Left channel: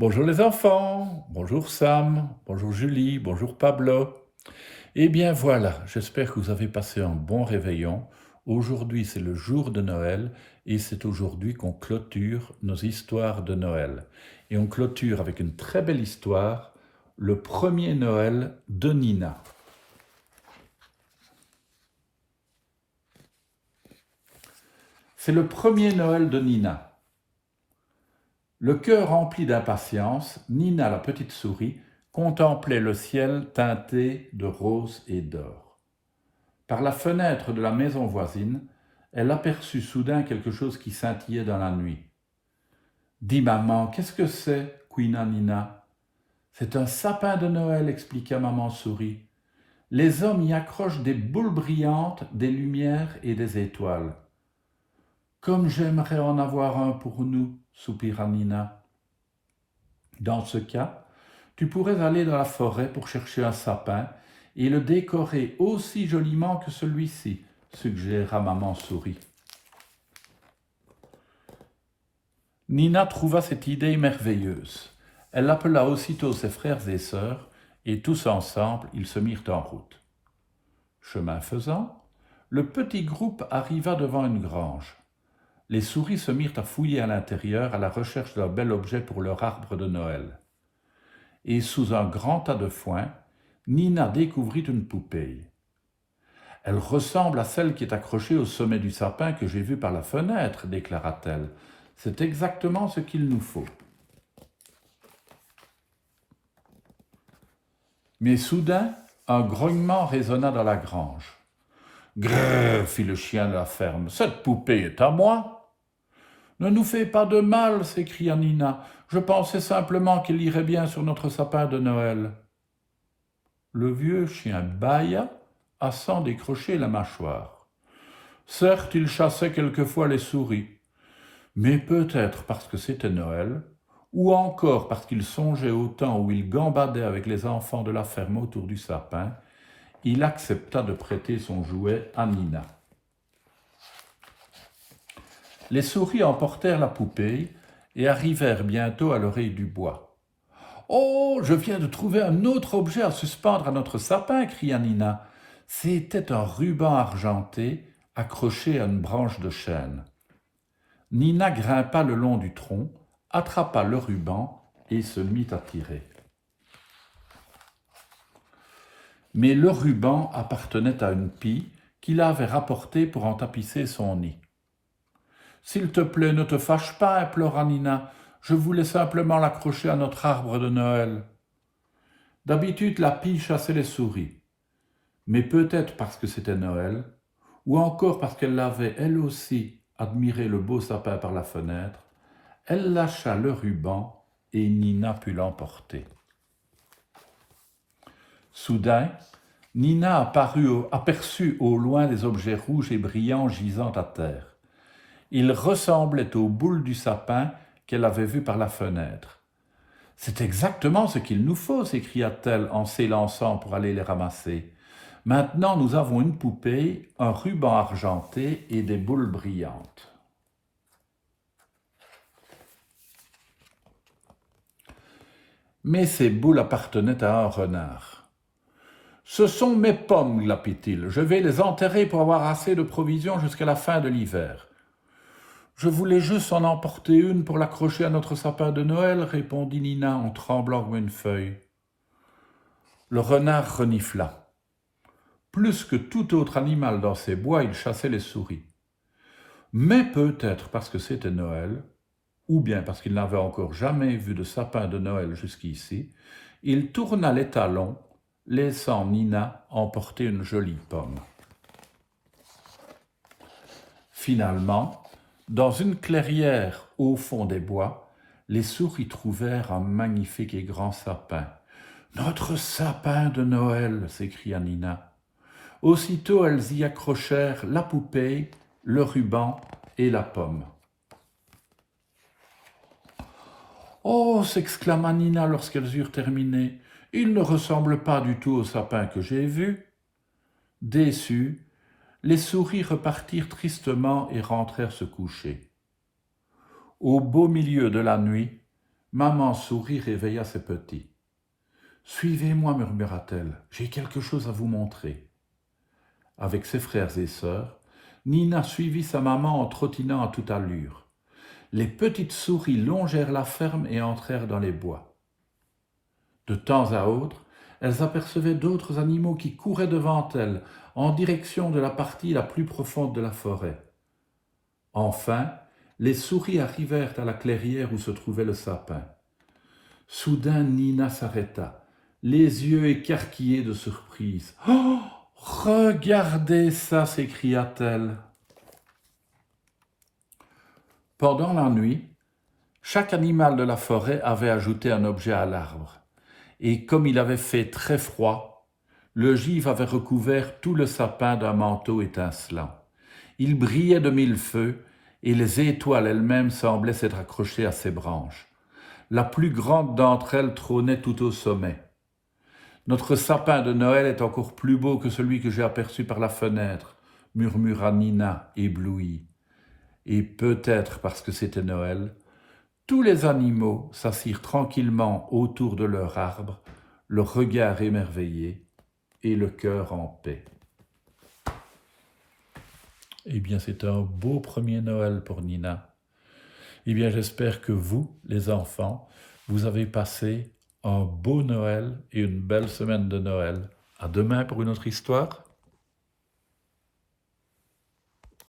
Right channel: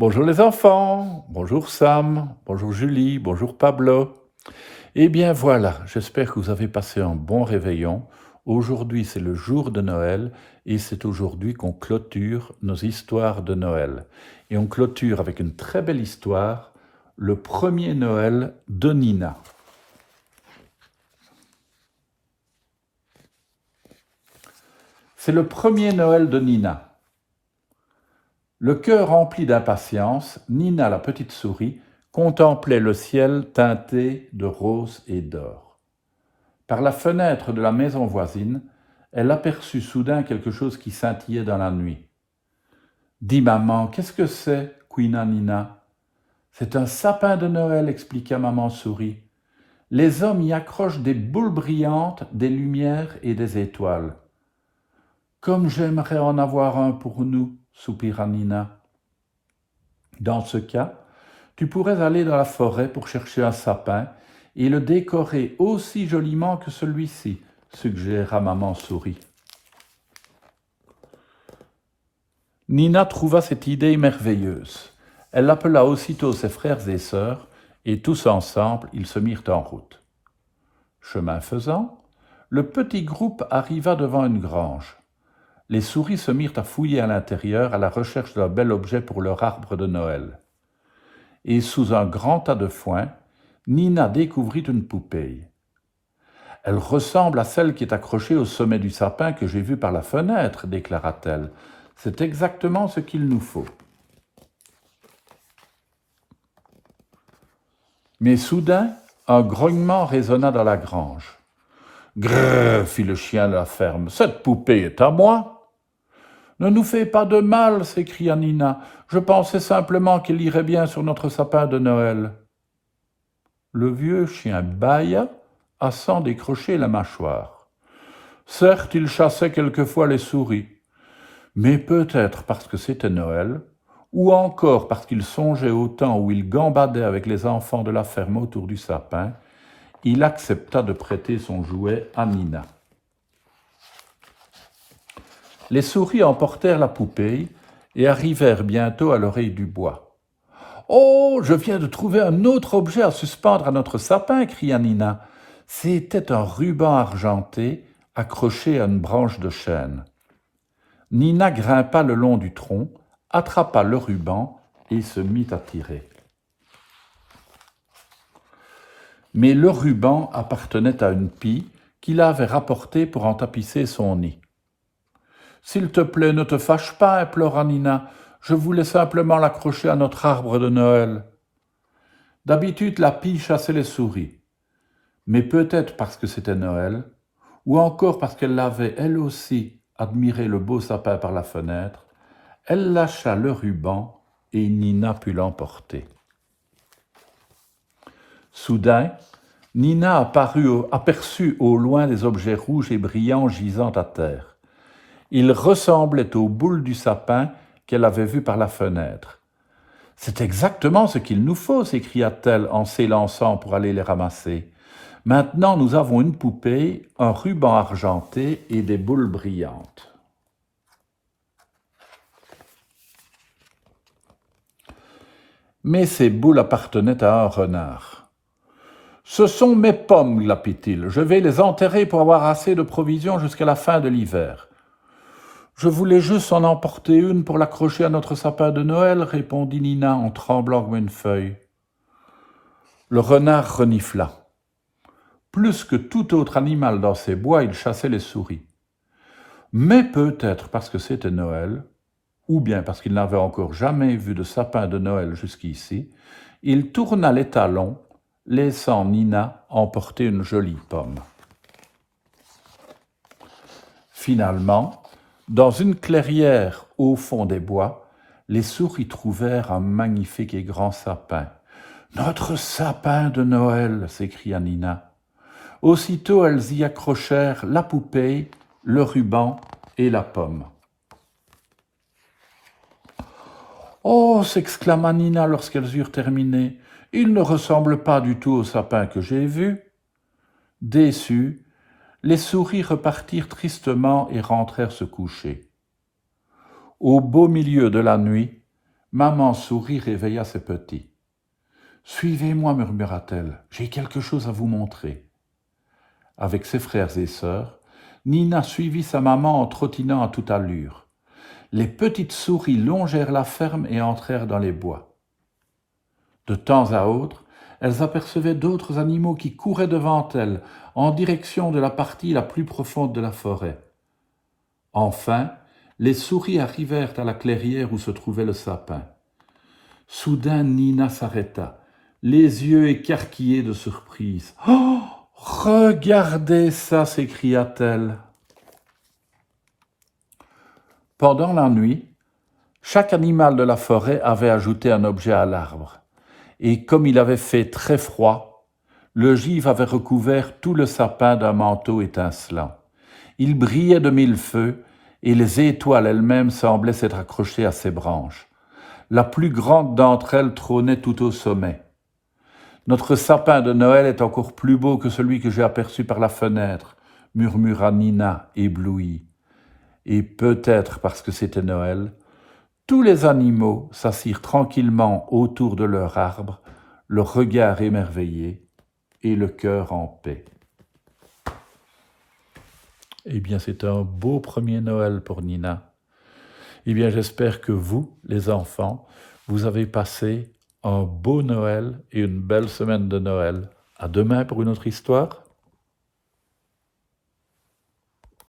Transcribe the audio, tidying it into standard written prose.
Bonjour les enfants, bonjour Sam, bonjour Julie, bonjour Pablo. Eh bien voilà, j'espère que vous avez passé un bon réveillon. Aujourd'hui c'est le jour de Noël et c'est aujourd'hui qu'on clôture nos histoires de Noël. Et on clôture avec une très belle histoire, le premier Noël de Nina. C'est le premier Noël de Nina. Le cœur rempli d'impatience, Nina la petite souris contemplait le ciel teinté de rose et d'or. Par la fenêtre de la maison voisine, elle aperçut soudain quelque chose qui scintillait dans la nuit. « Dis maman, qu'est-ce que c'est » couina Nina. « C'est un sapin de Noël » expliqua maman souris. « Les hommes y accrochent des boules brillantes, des lumières et des étoiles. »« Comme j'aimerais en avoir un pour nous » soupira Nina. « Dans ce cas, tu pourrais aller dans la forêt pour chercher un sapin et le décorer aussi joliment que celui-ci, suggéra maman souris. Nina trouva cette idée merveilleuse. Elle appela aussitôt ses frères et sœurs, et tous ensemble, ils se mirent en route. Chemin faisant, le petit groupe arriva devant une grange. Les souris se mirent à fouiller à l'intérieur à la recherche d'un bel objet pour leur arbre de Noël. Et sous un grand tas de foin, Nina découvrit une poupée. « Elle ressemble à celle qui est accrochée au sommet du sapin que j'ai vue par la fenêtre, déclara-t-elle. C'est exactement ce qu'il nous faut. » Mais soudain, un grognement résonna dans la grange. « Grrr » fit le chien de la ferme, « cette poupée est à moi !»« Ne nous fais pas de mal » s'écria Nina. « Je pensais simplement qu'il irait bien sur notre sapin de Noël. » Le vieux chien bâilla, à s'en décrocher la mâchoire. Certes, il chassait quelquefois les souris, mais peut-être parce que c'était Noël, ou encore parce qu'il songeait au temps où il gambadait avec les enfants de la ferme autour du sapin, il accepta de prêter son jouet à Nina. Les souris emportèrent la poupée et arrivèrent bientôt à l'oreille du bois. « Oh, je viens de trouver un autre objet à suspendre à notre sapin » cria Nina. C'était un ruban argenté accroché à une branche de chêne. Nina grimpa le long du tronc, attrapa le ruban et se mit à tirer. Mais le ruban appartenait à une pie qui l'avait rapporté pour en tapisser son nid. « S'il te plaît, ne te fâche pas » implora Nina. « Je voulais simplement l'accrocher à notre arbre de Noël. » D'habitude, la pie chassait les souris. Mais peut-être parce que c'était Noël, ou encore parce qu'elle avait, elle aussi, admiré le beau sapin par la fenêtre, elle lâcha le ruban et Nina put l'emporter. Soudain, Nina aperçut au loin des objets rouges et brillants gisant à terre. Ils ressemblaient aux boules du sapin qu'elle avait vues par la fenêtre. « C'est exactement ce qu'il nous faut » s'écria-t-elle en s'élançant pour aller les ramasser. « Maintenant, nous avons une poupée, un ruban argenté et des boules brillantes. » Mais ces boules appartenaient à un renard. « Ce sont mes pommes, glapit-il. Je vais les enterrer pour avoir assez de provisions jusqu'à la fin de l'hiver. » Je voulais juste en emporter une pour l'accrocher à notre sapin de Noël, répondit Nina en tremblant comme une feuille. Le renard renifla. Plus que tout autre animal dans ces bois, il chassait les souris. Mais peut-être parce que c'était Noël, ou bien parce qu'il n'avait encore jamais vu de sapin de Noël jusqu'ici, il tourna les talons, laissant Nina emporter une jolie pomme. Finalement, dans une clairière au fond des bois, les souris trouvèrent un magnifique et grand sapin. « Notre sapin de Noël » s'écria Nina. Aussitôt, elles y accrochèrent la poupée, le ruban et la pomme. « Oh » s'exclama Nina lorsqu'elles eurent terminé, « il ne ressemble pas du tout au sapin que j'ai vu. » Déçues, les souris repartirent tristement et rentrèrent se coucher. Au beau milieu de la nuit, Maman Souris réveilla ses petits. « Suivez-moi, murmura-t-elle, j'ai quelque chose à vous montrer. » Avec ses frères et sœurs, Nina suivit sa maman en trottinant à toute allure. Les petites souris longèrent la ferme et entrèrent dans les bois. De temps à autre, elles apercevaient d'autres animaux qui couraient devant elles, en direction de la partie la plus profonde de la forêt. Enfin, les souris arrivèrent à la clairière où se trouvait le sapin. Soudain, Nina s'arrêta, les yeux écarquillés de surprise. « Oh, regardez ça !» s'écria-t-elle. Pendant la nuit, chaque animal de la forêt avait ajouté un objet à l'arbre. Et comme il avait fait très froid, le givre avait recouvert tout le sapin d'un manteau étincelant. Il brillait de mille feux, et les étoiles elles-mêmes semblaient s'être accrochées à ses branches. La plus grande d'entre elles trônait tout au sommet. « Notre sapin de Noël est encore plus beau que celui que j'ai aperçu par la fenêtre, » murmura Nina, éblouie. Et peut-être parce que c'était Noël, tous les animaux s'assirent tranquillement autour de leur arbre, le regard émerveillé et le cœur en paix. Eh bien, c'est un beau premier Noël pour Nina. Eh bien, j'espère que vous, les enfants, vous avez passé un beau Noël et une belle semaine de Noël. À demain pour une autre histoire.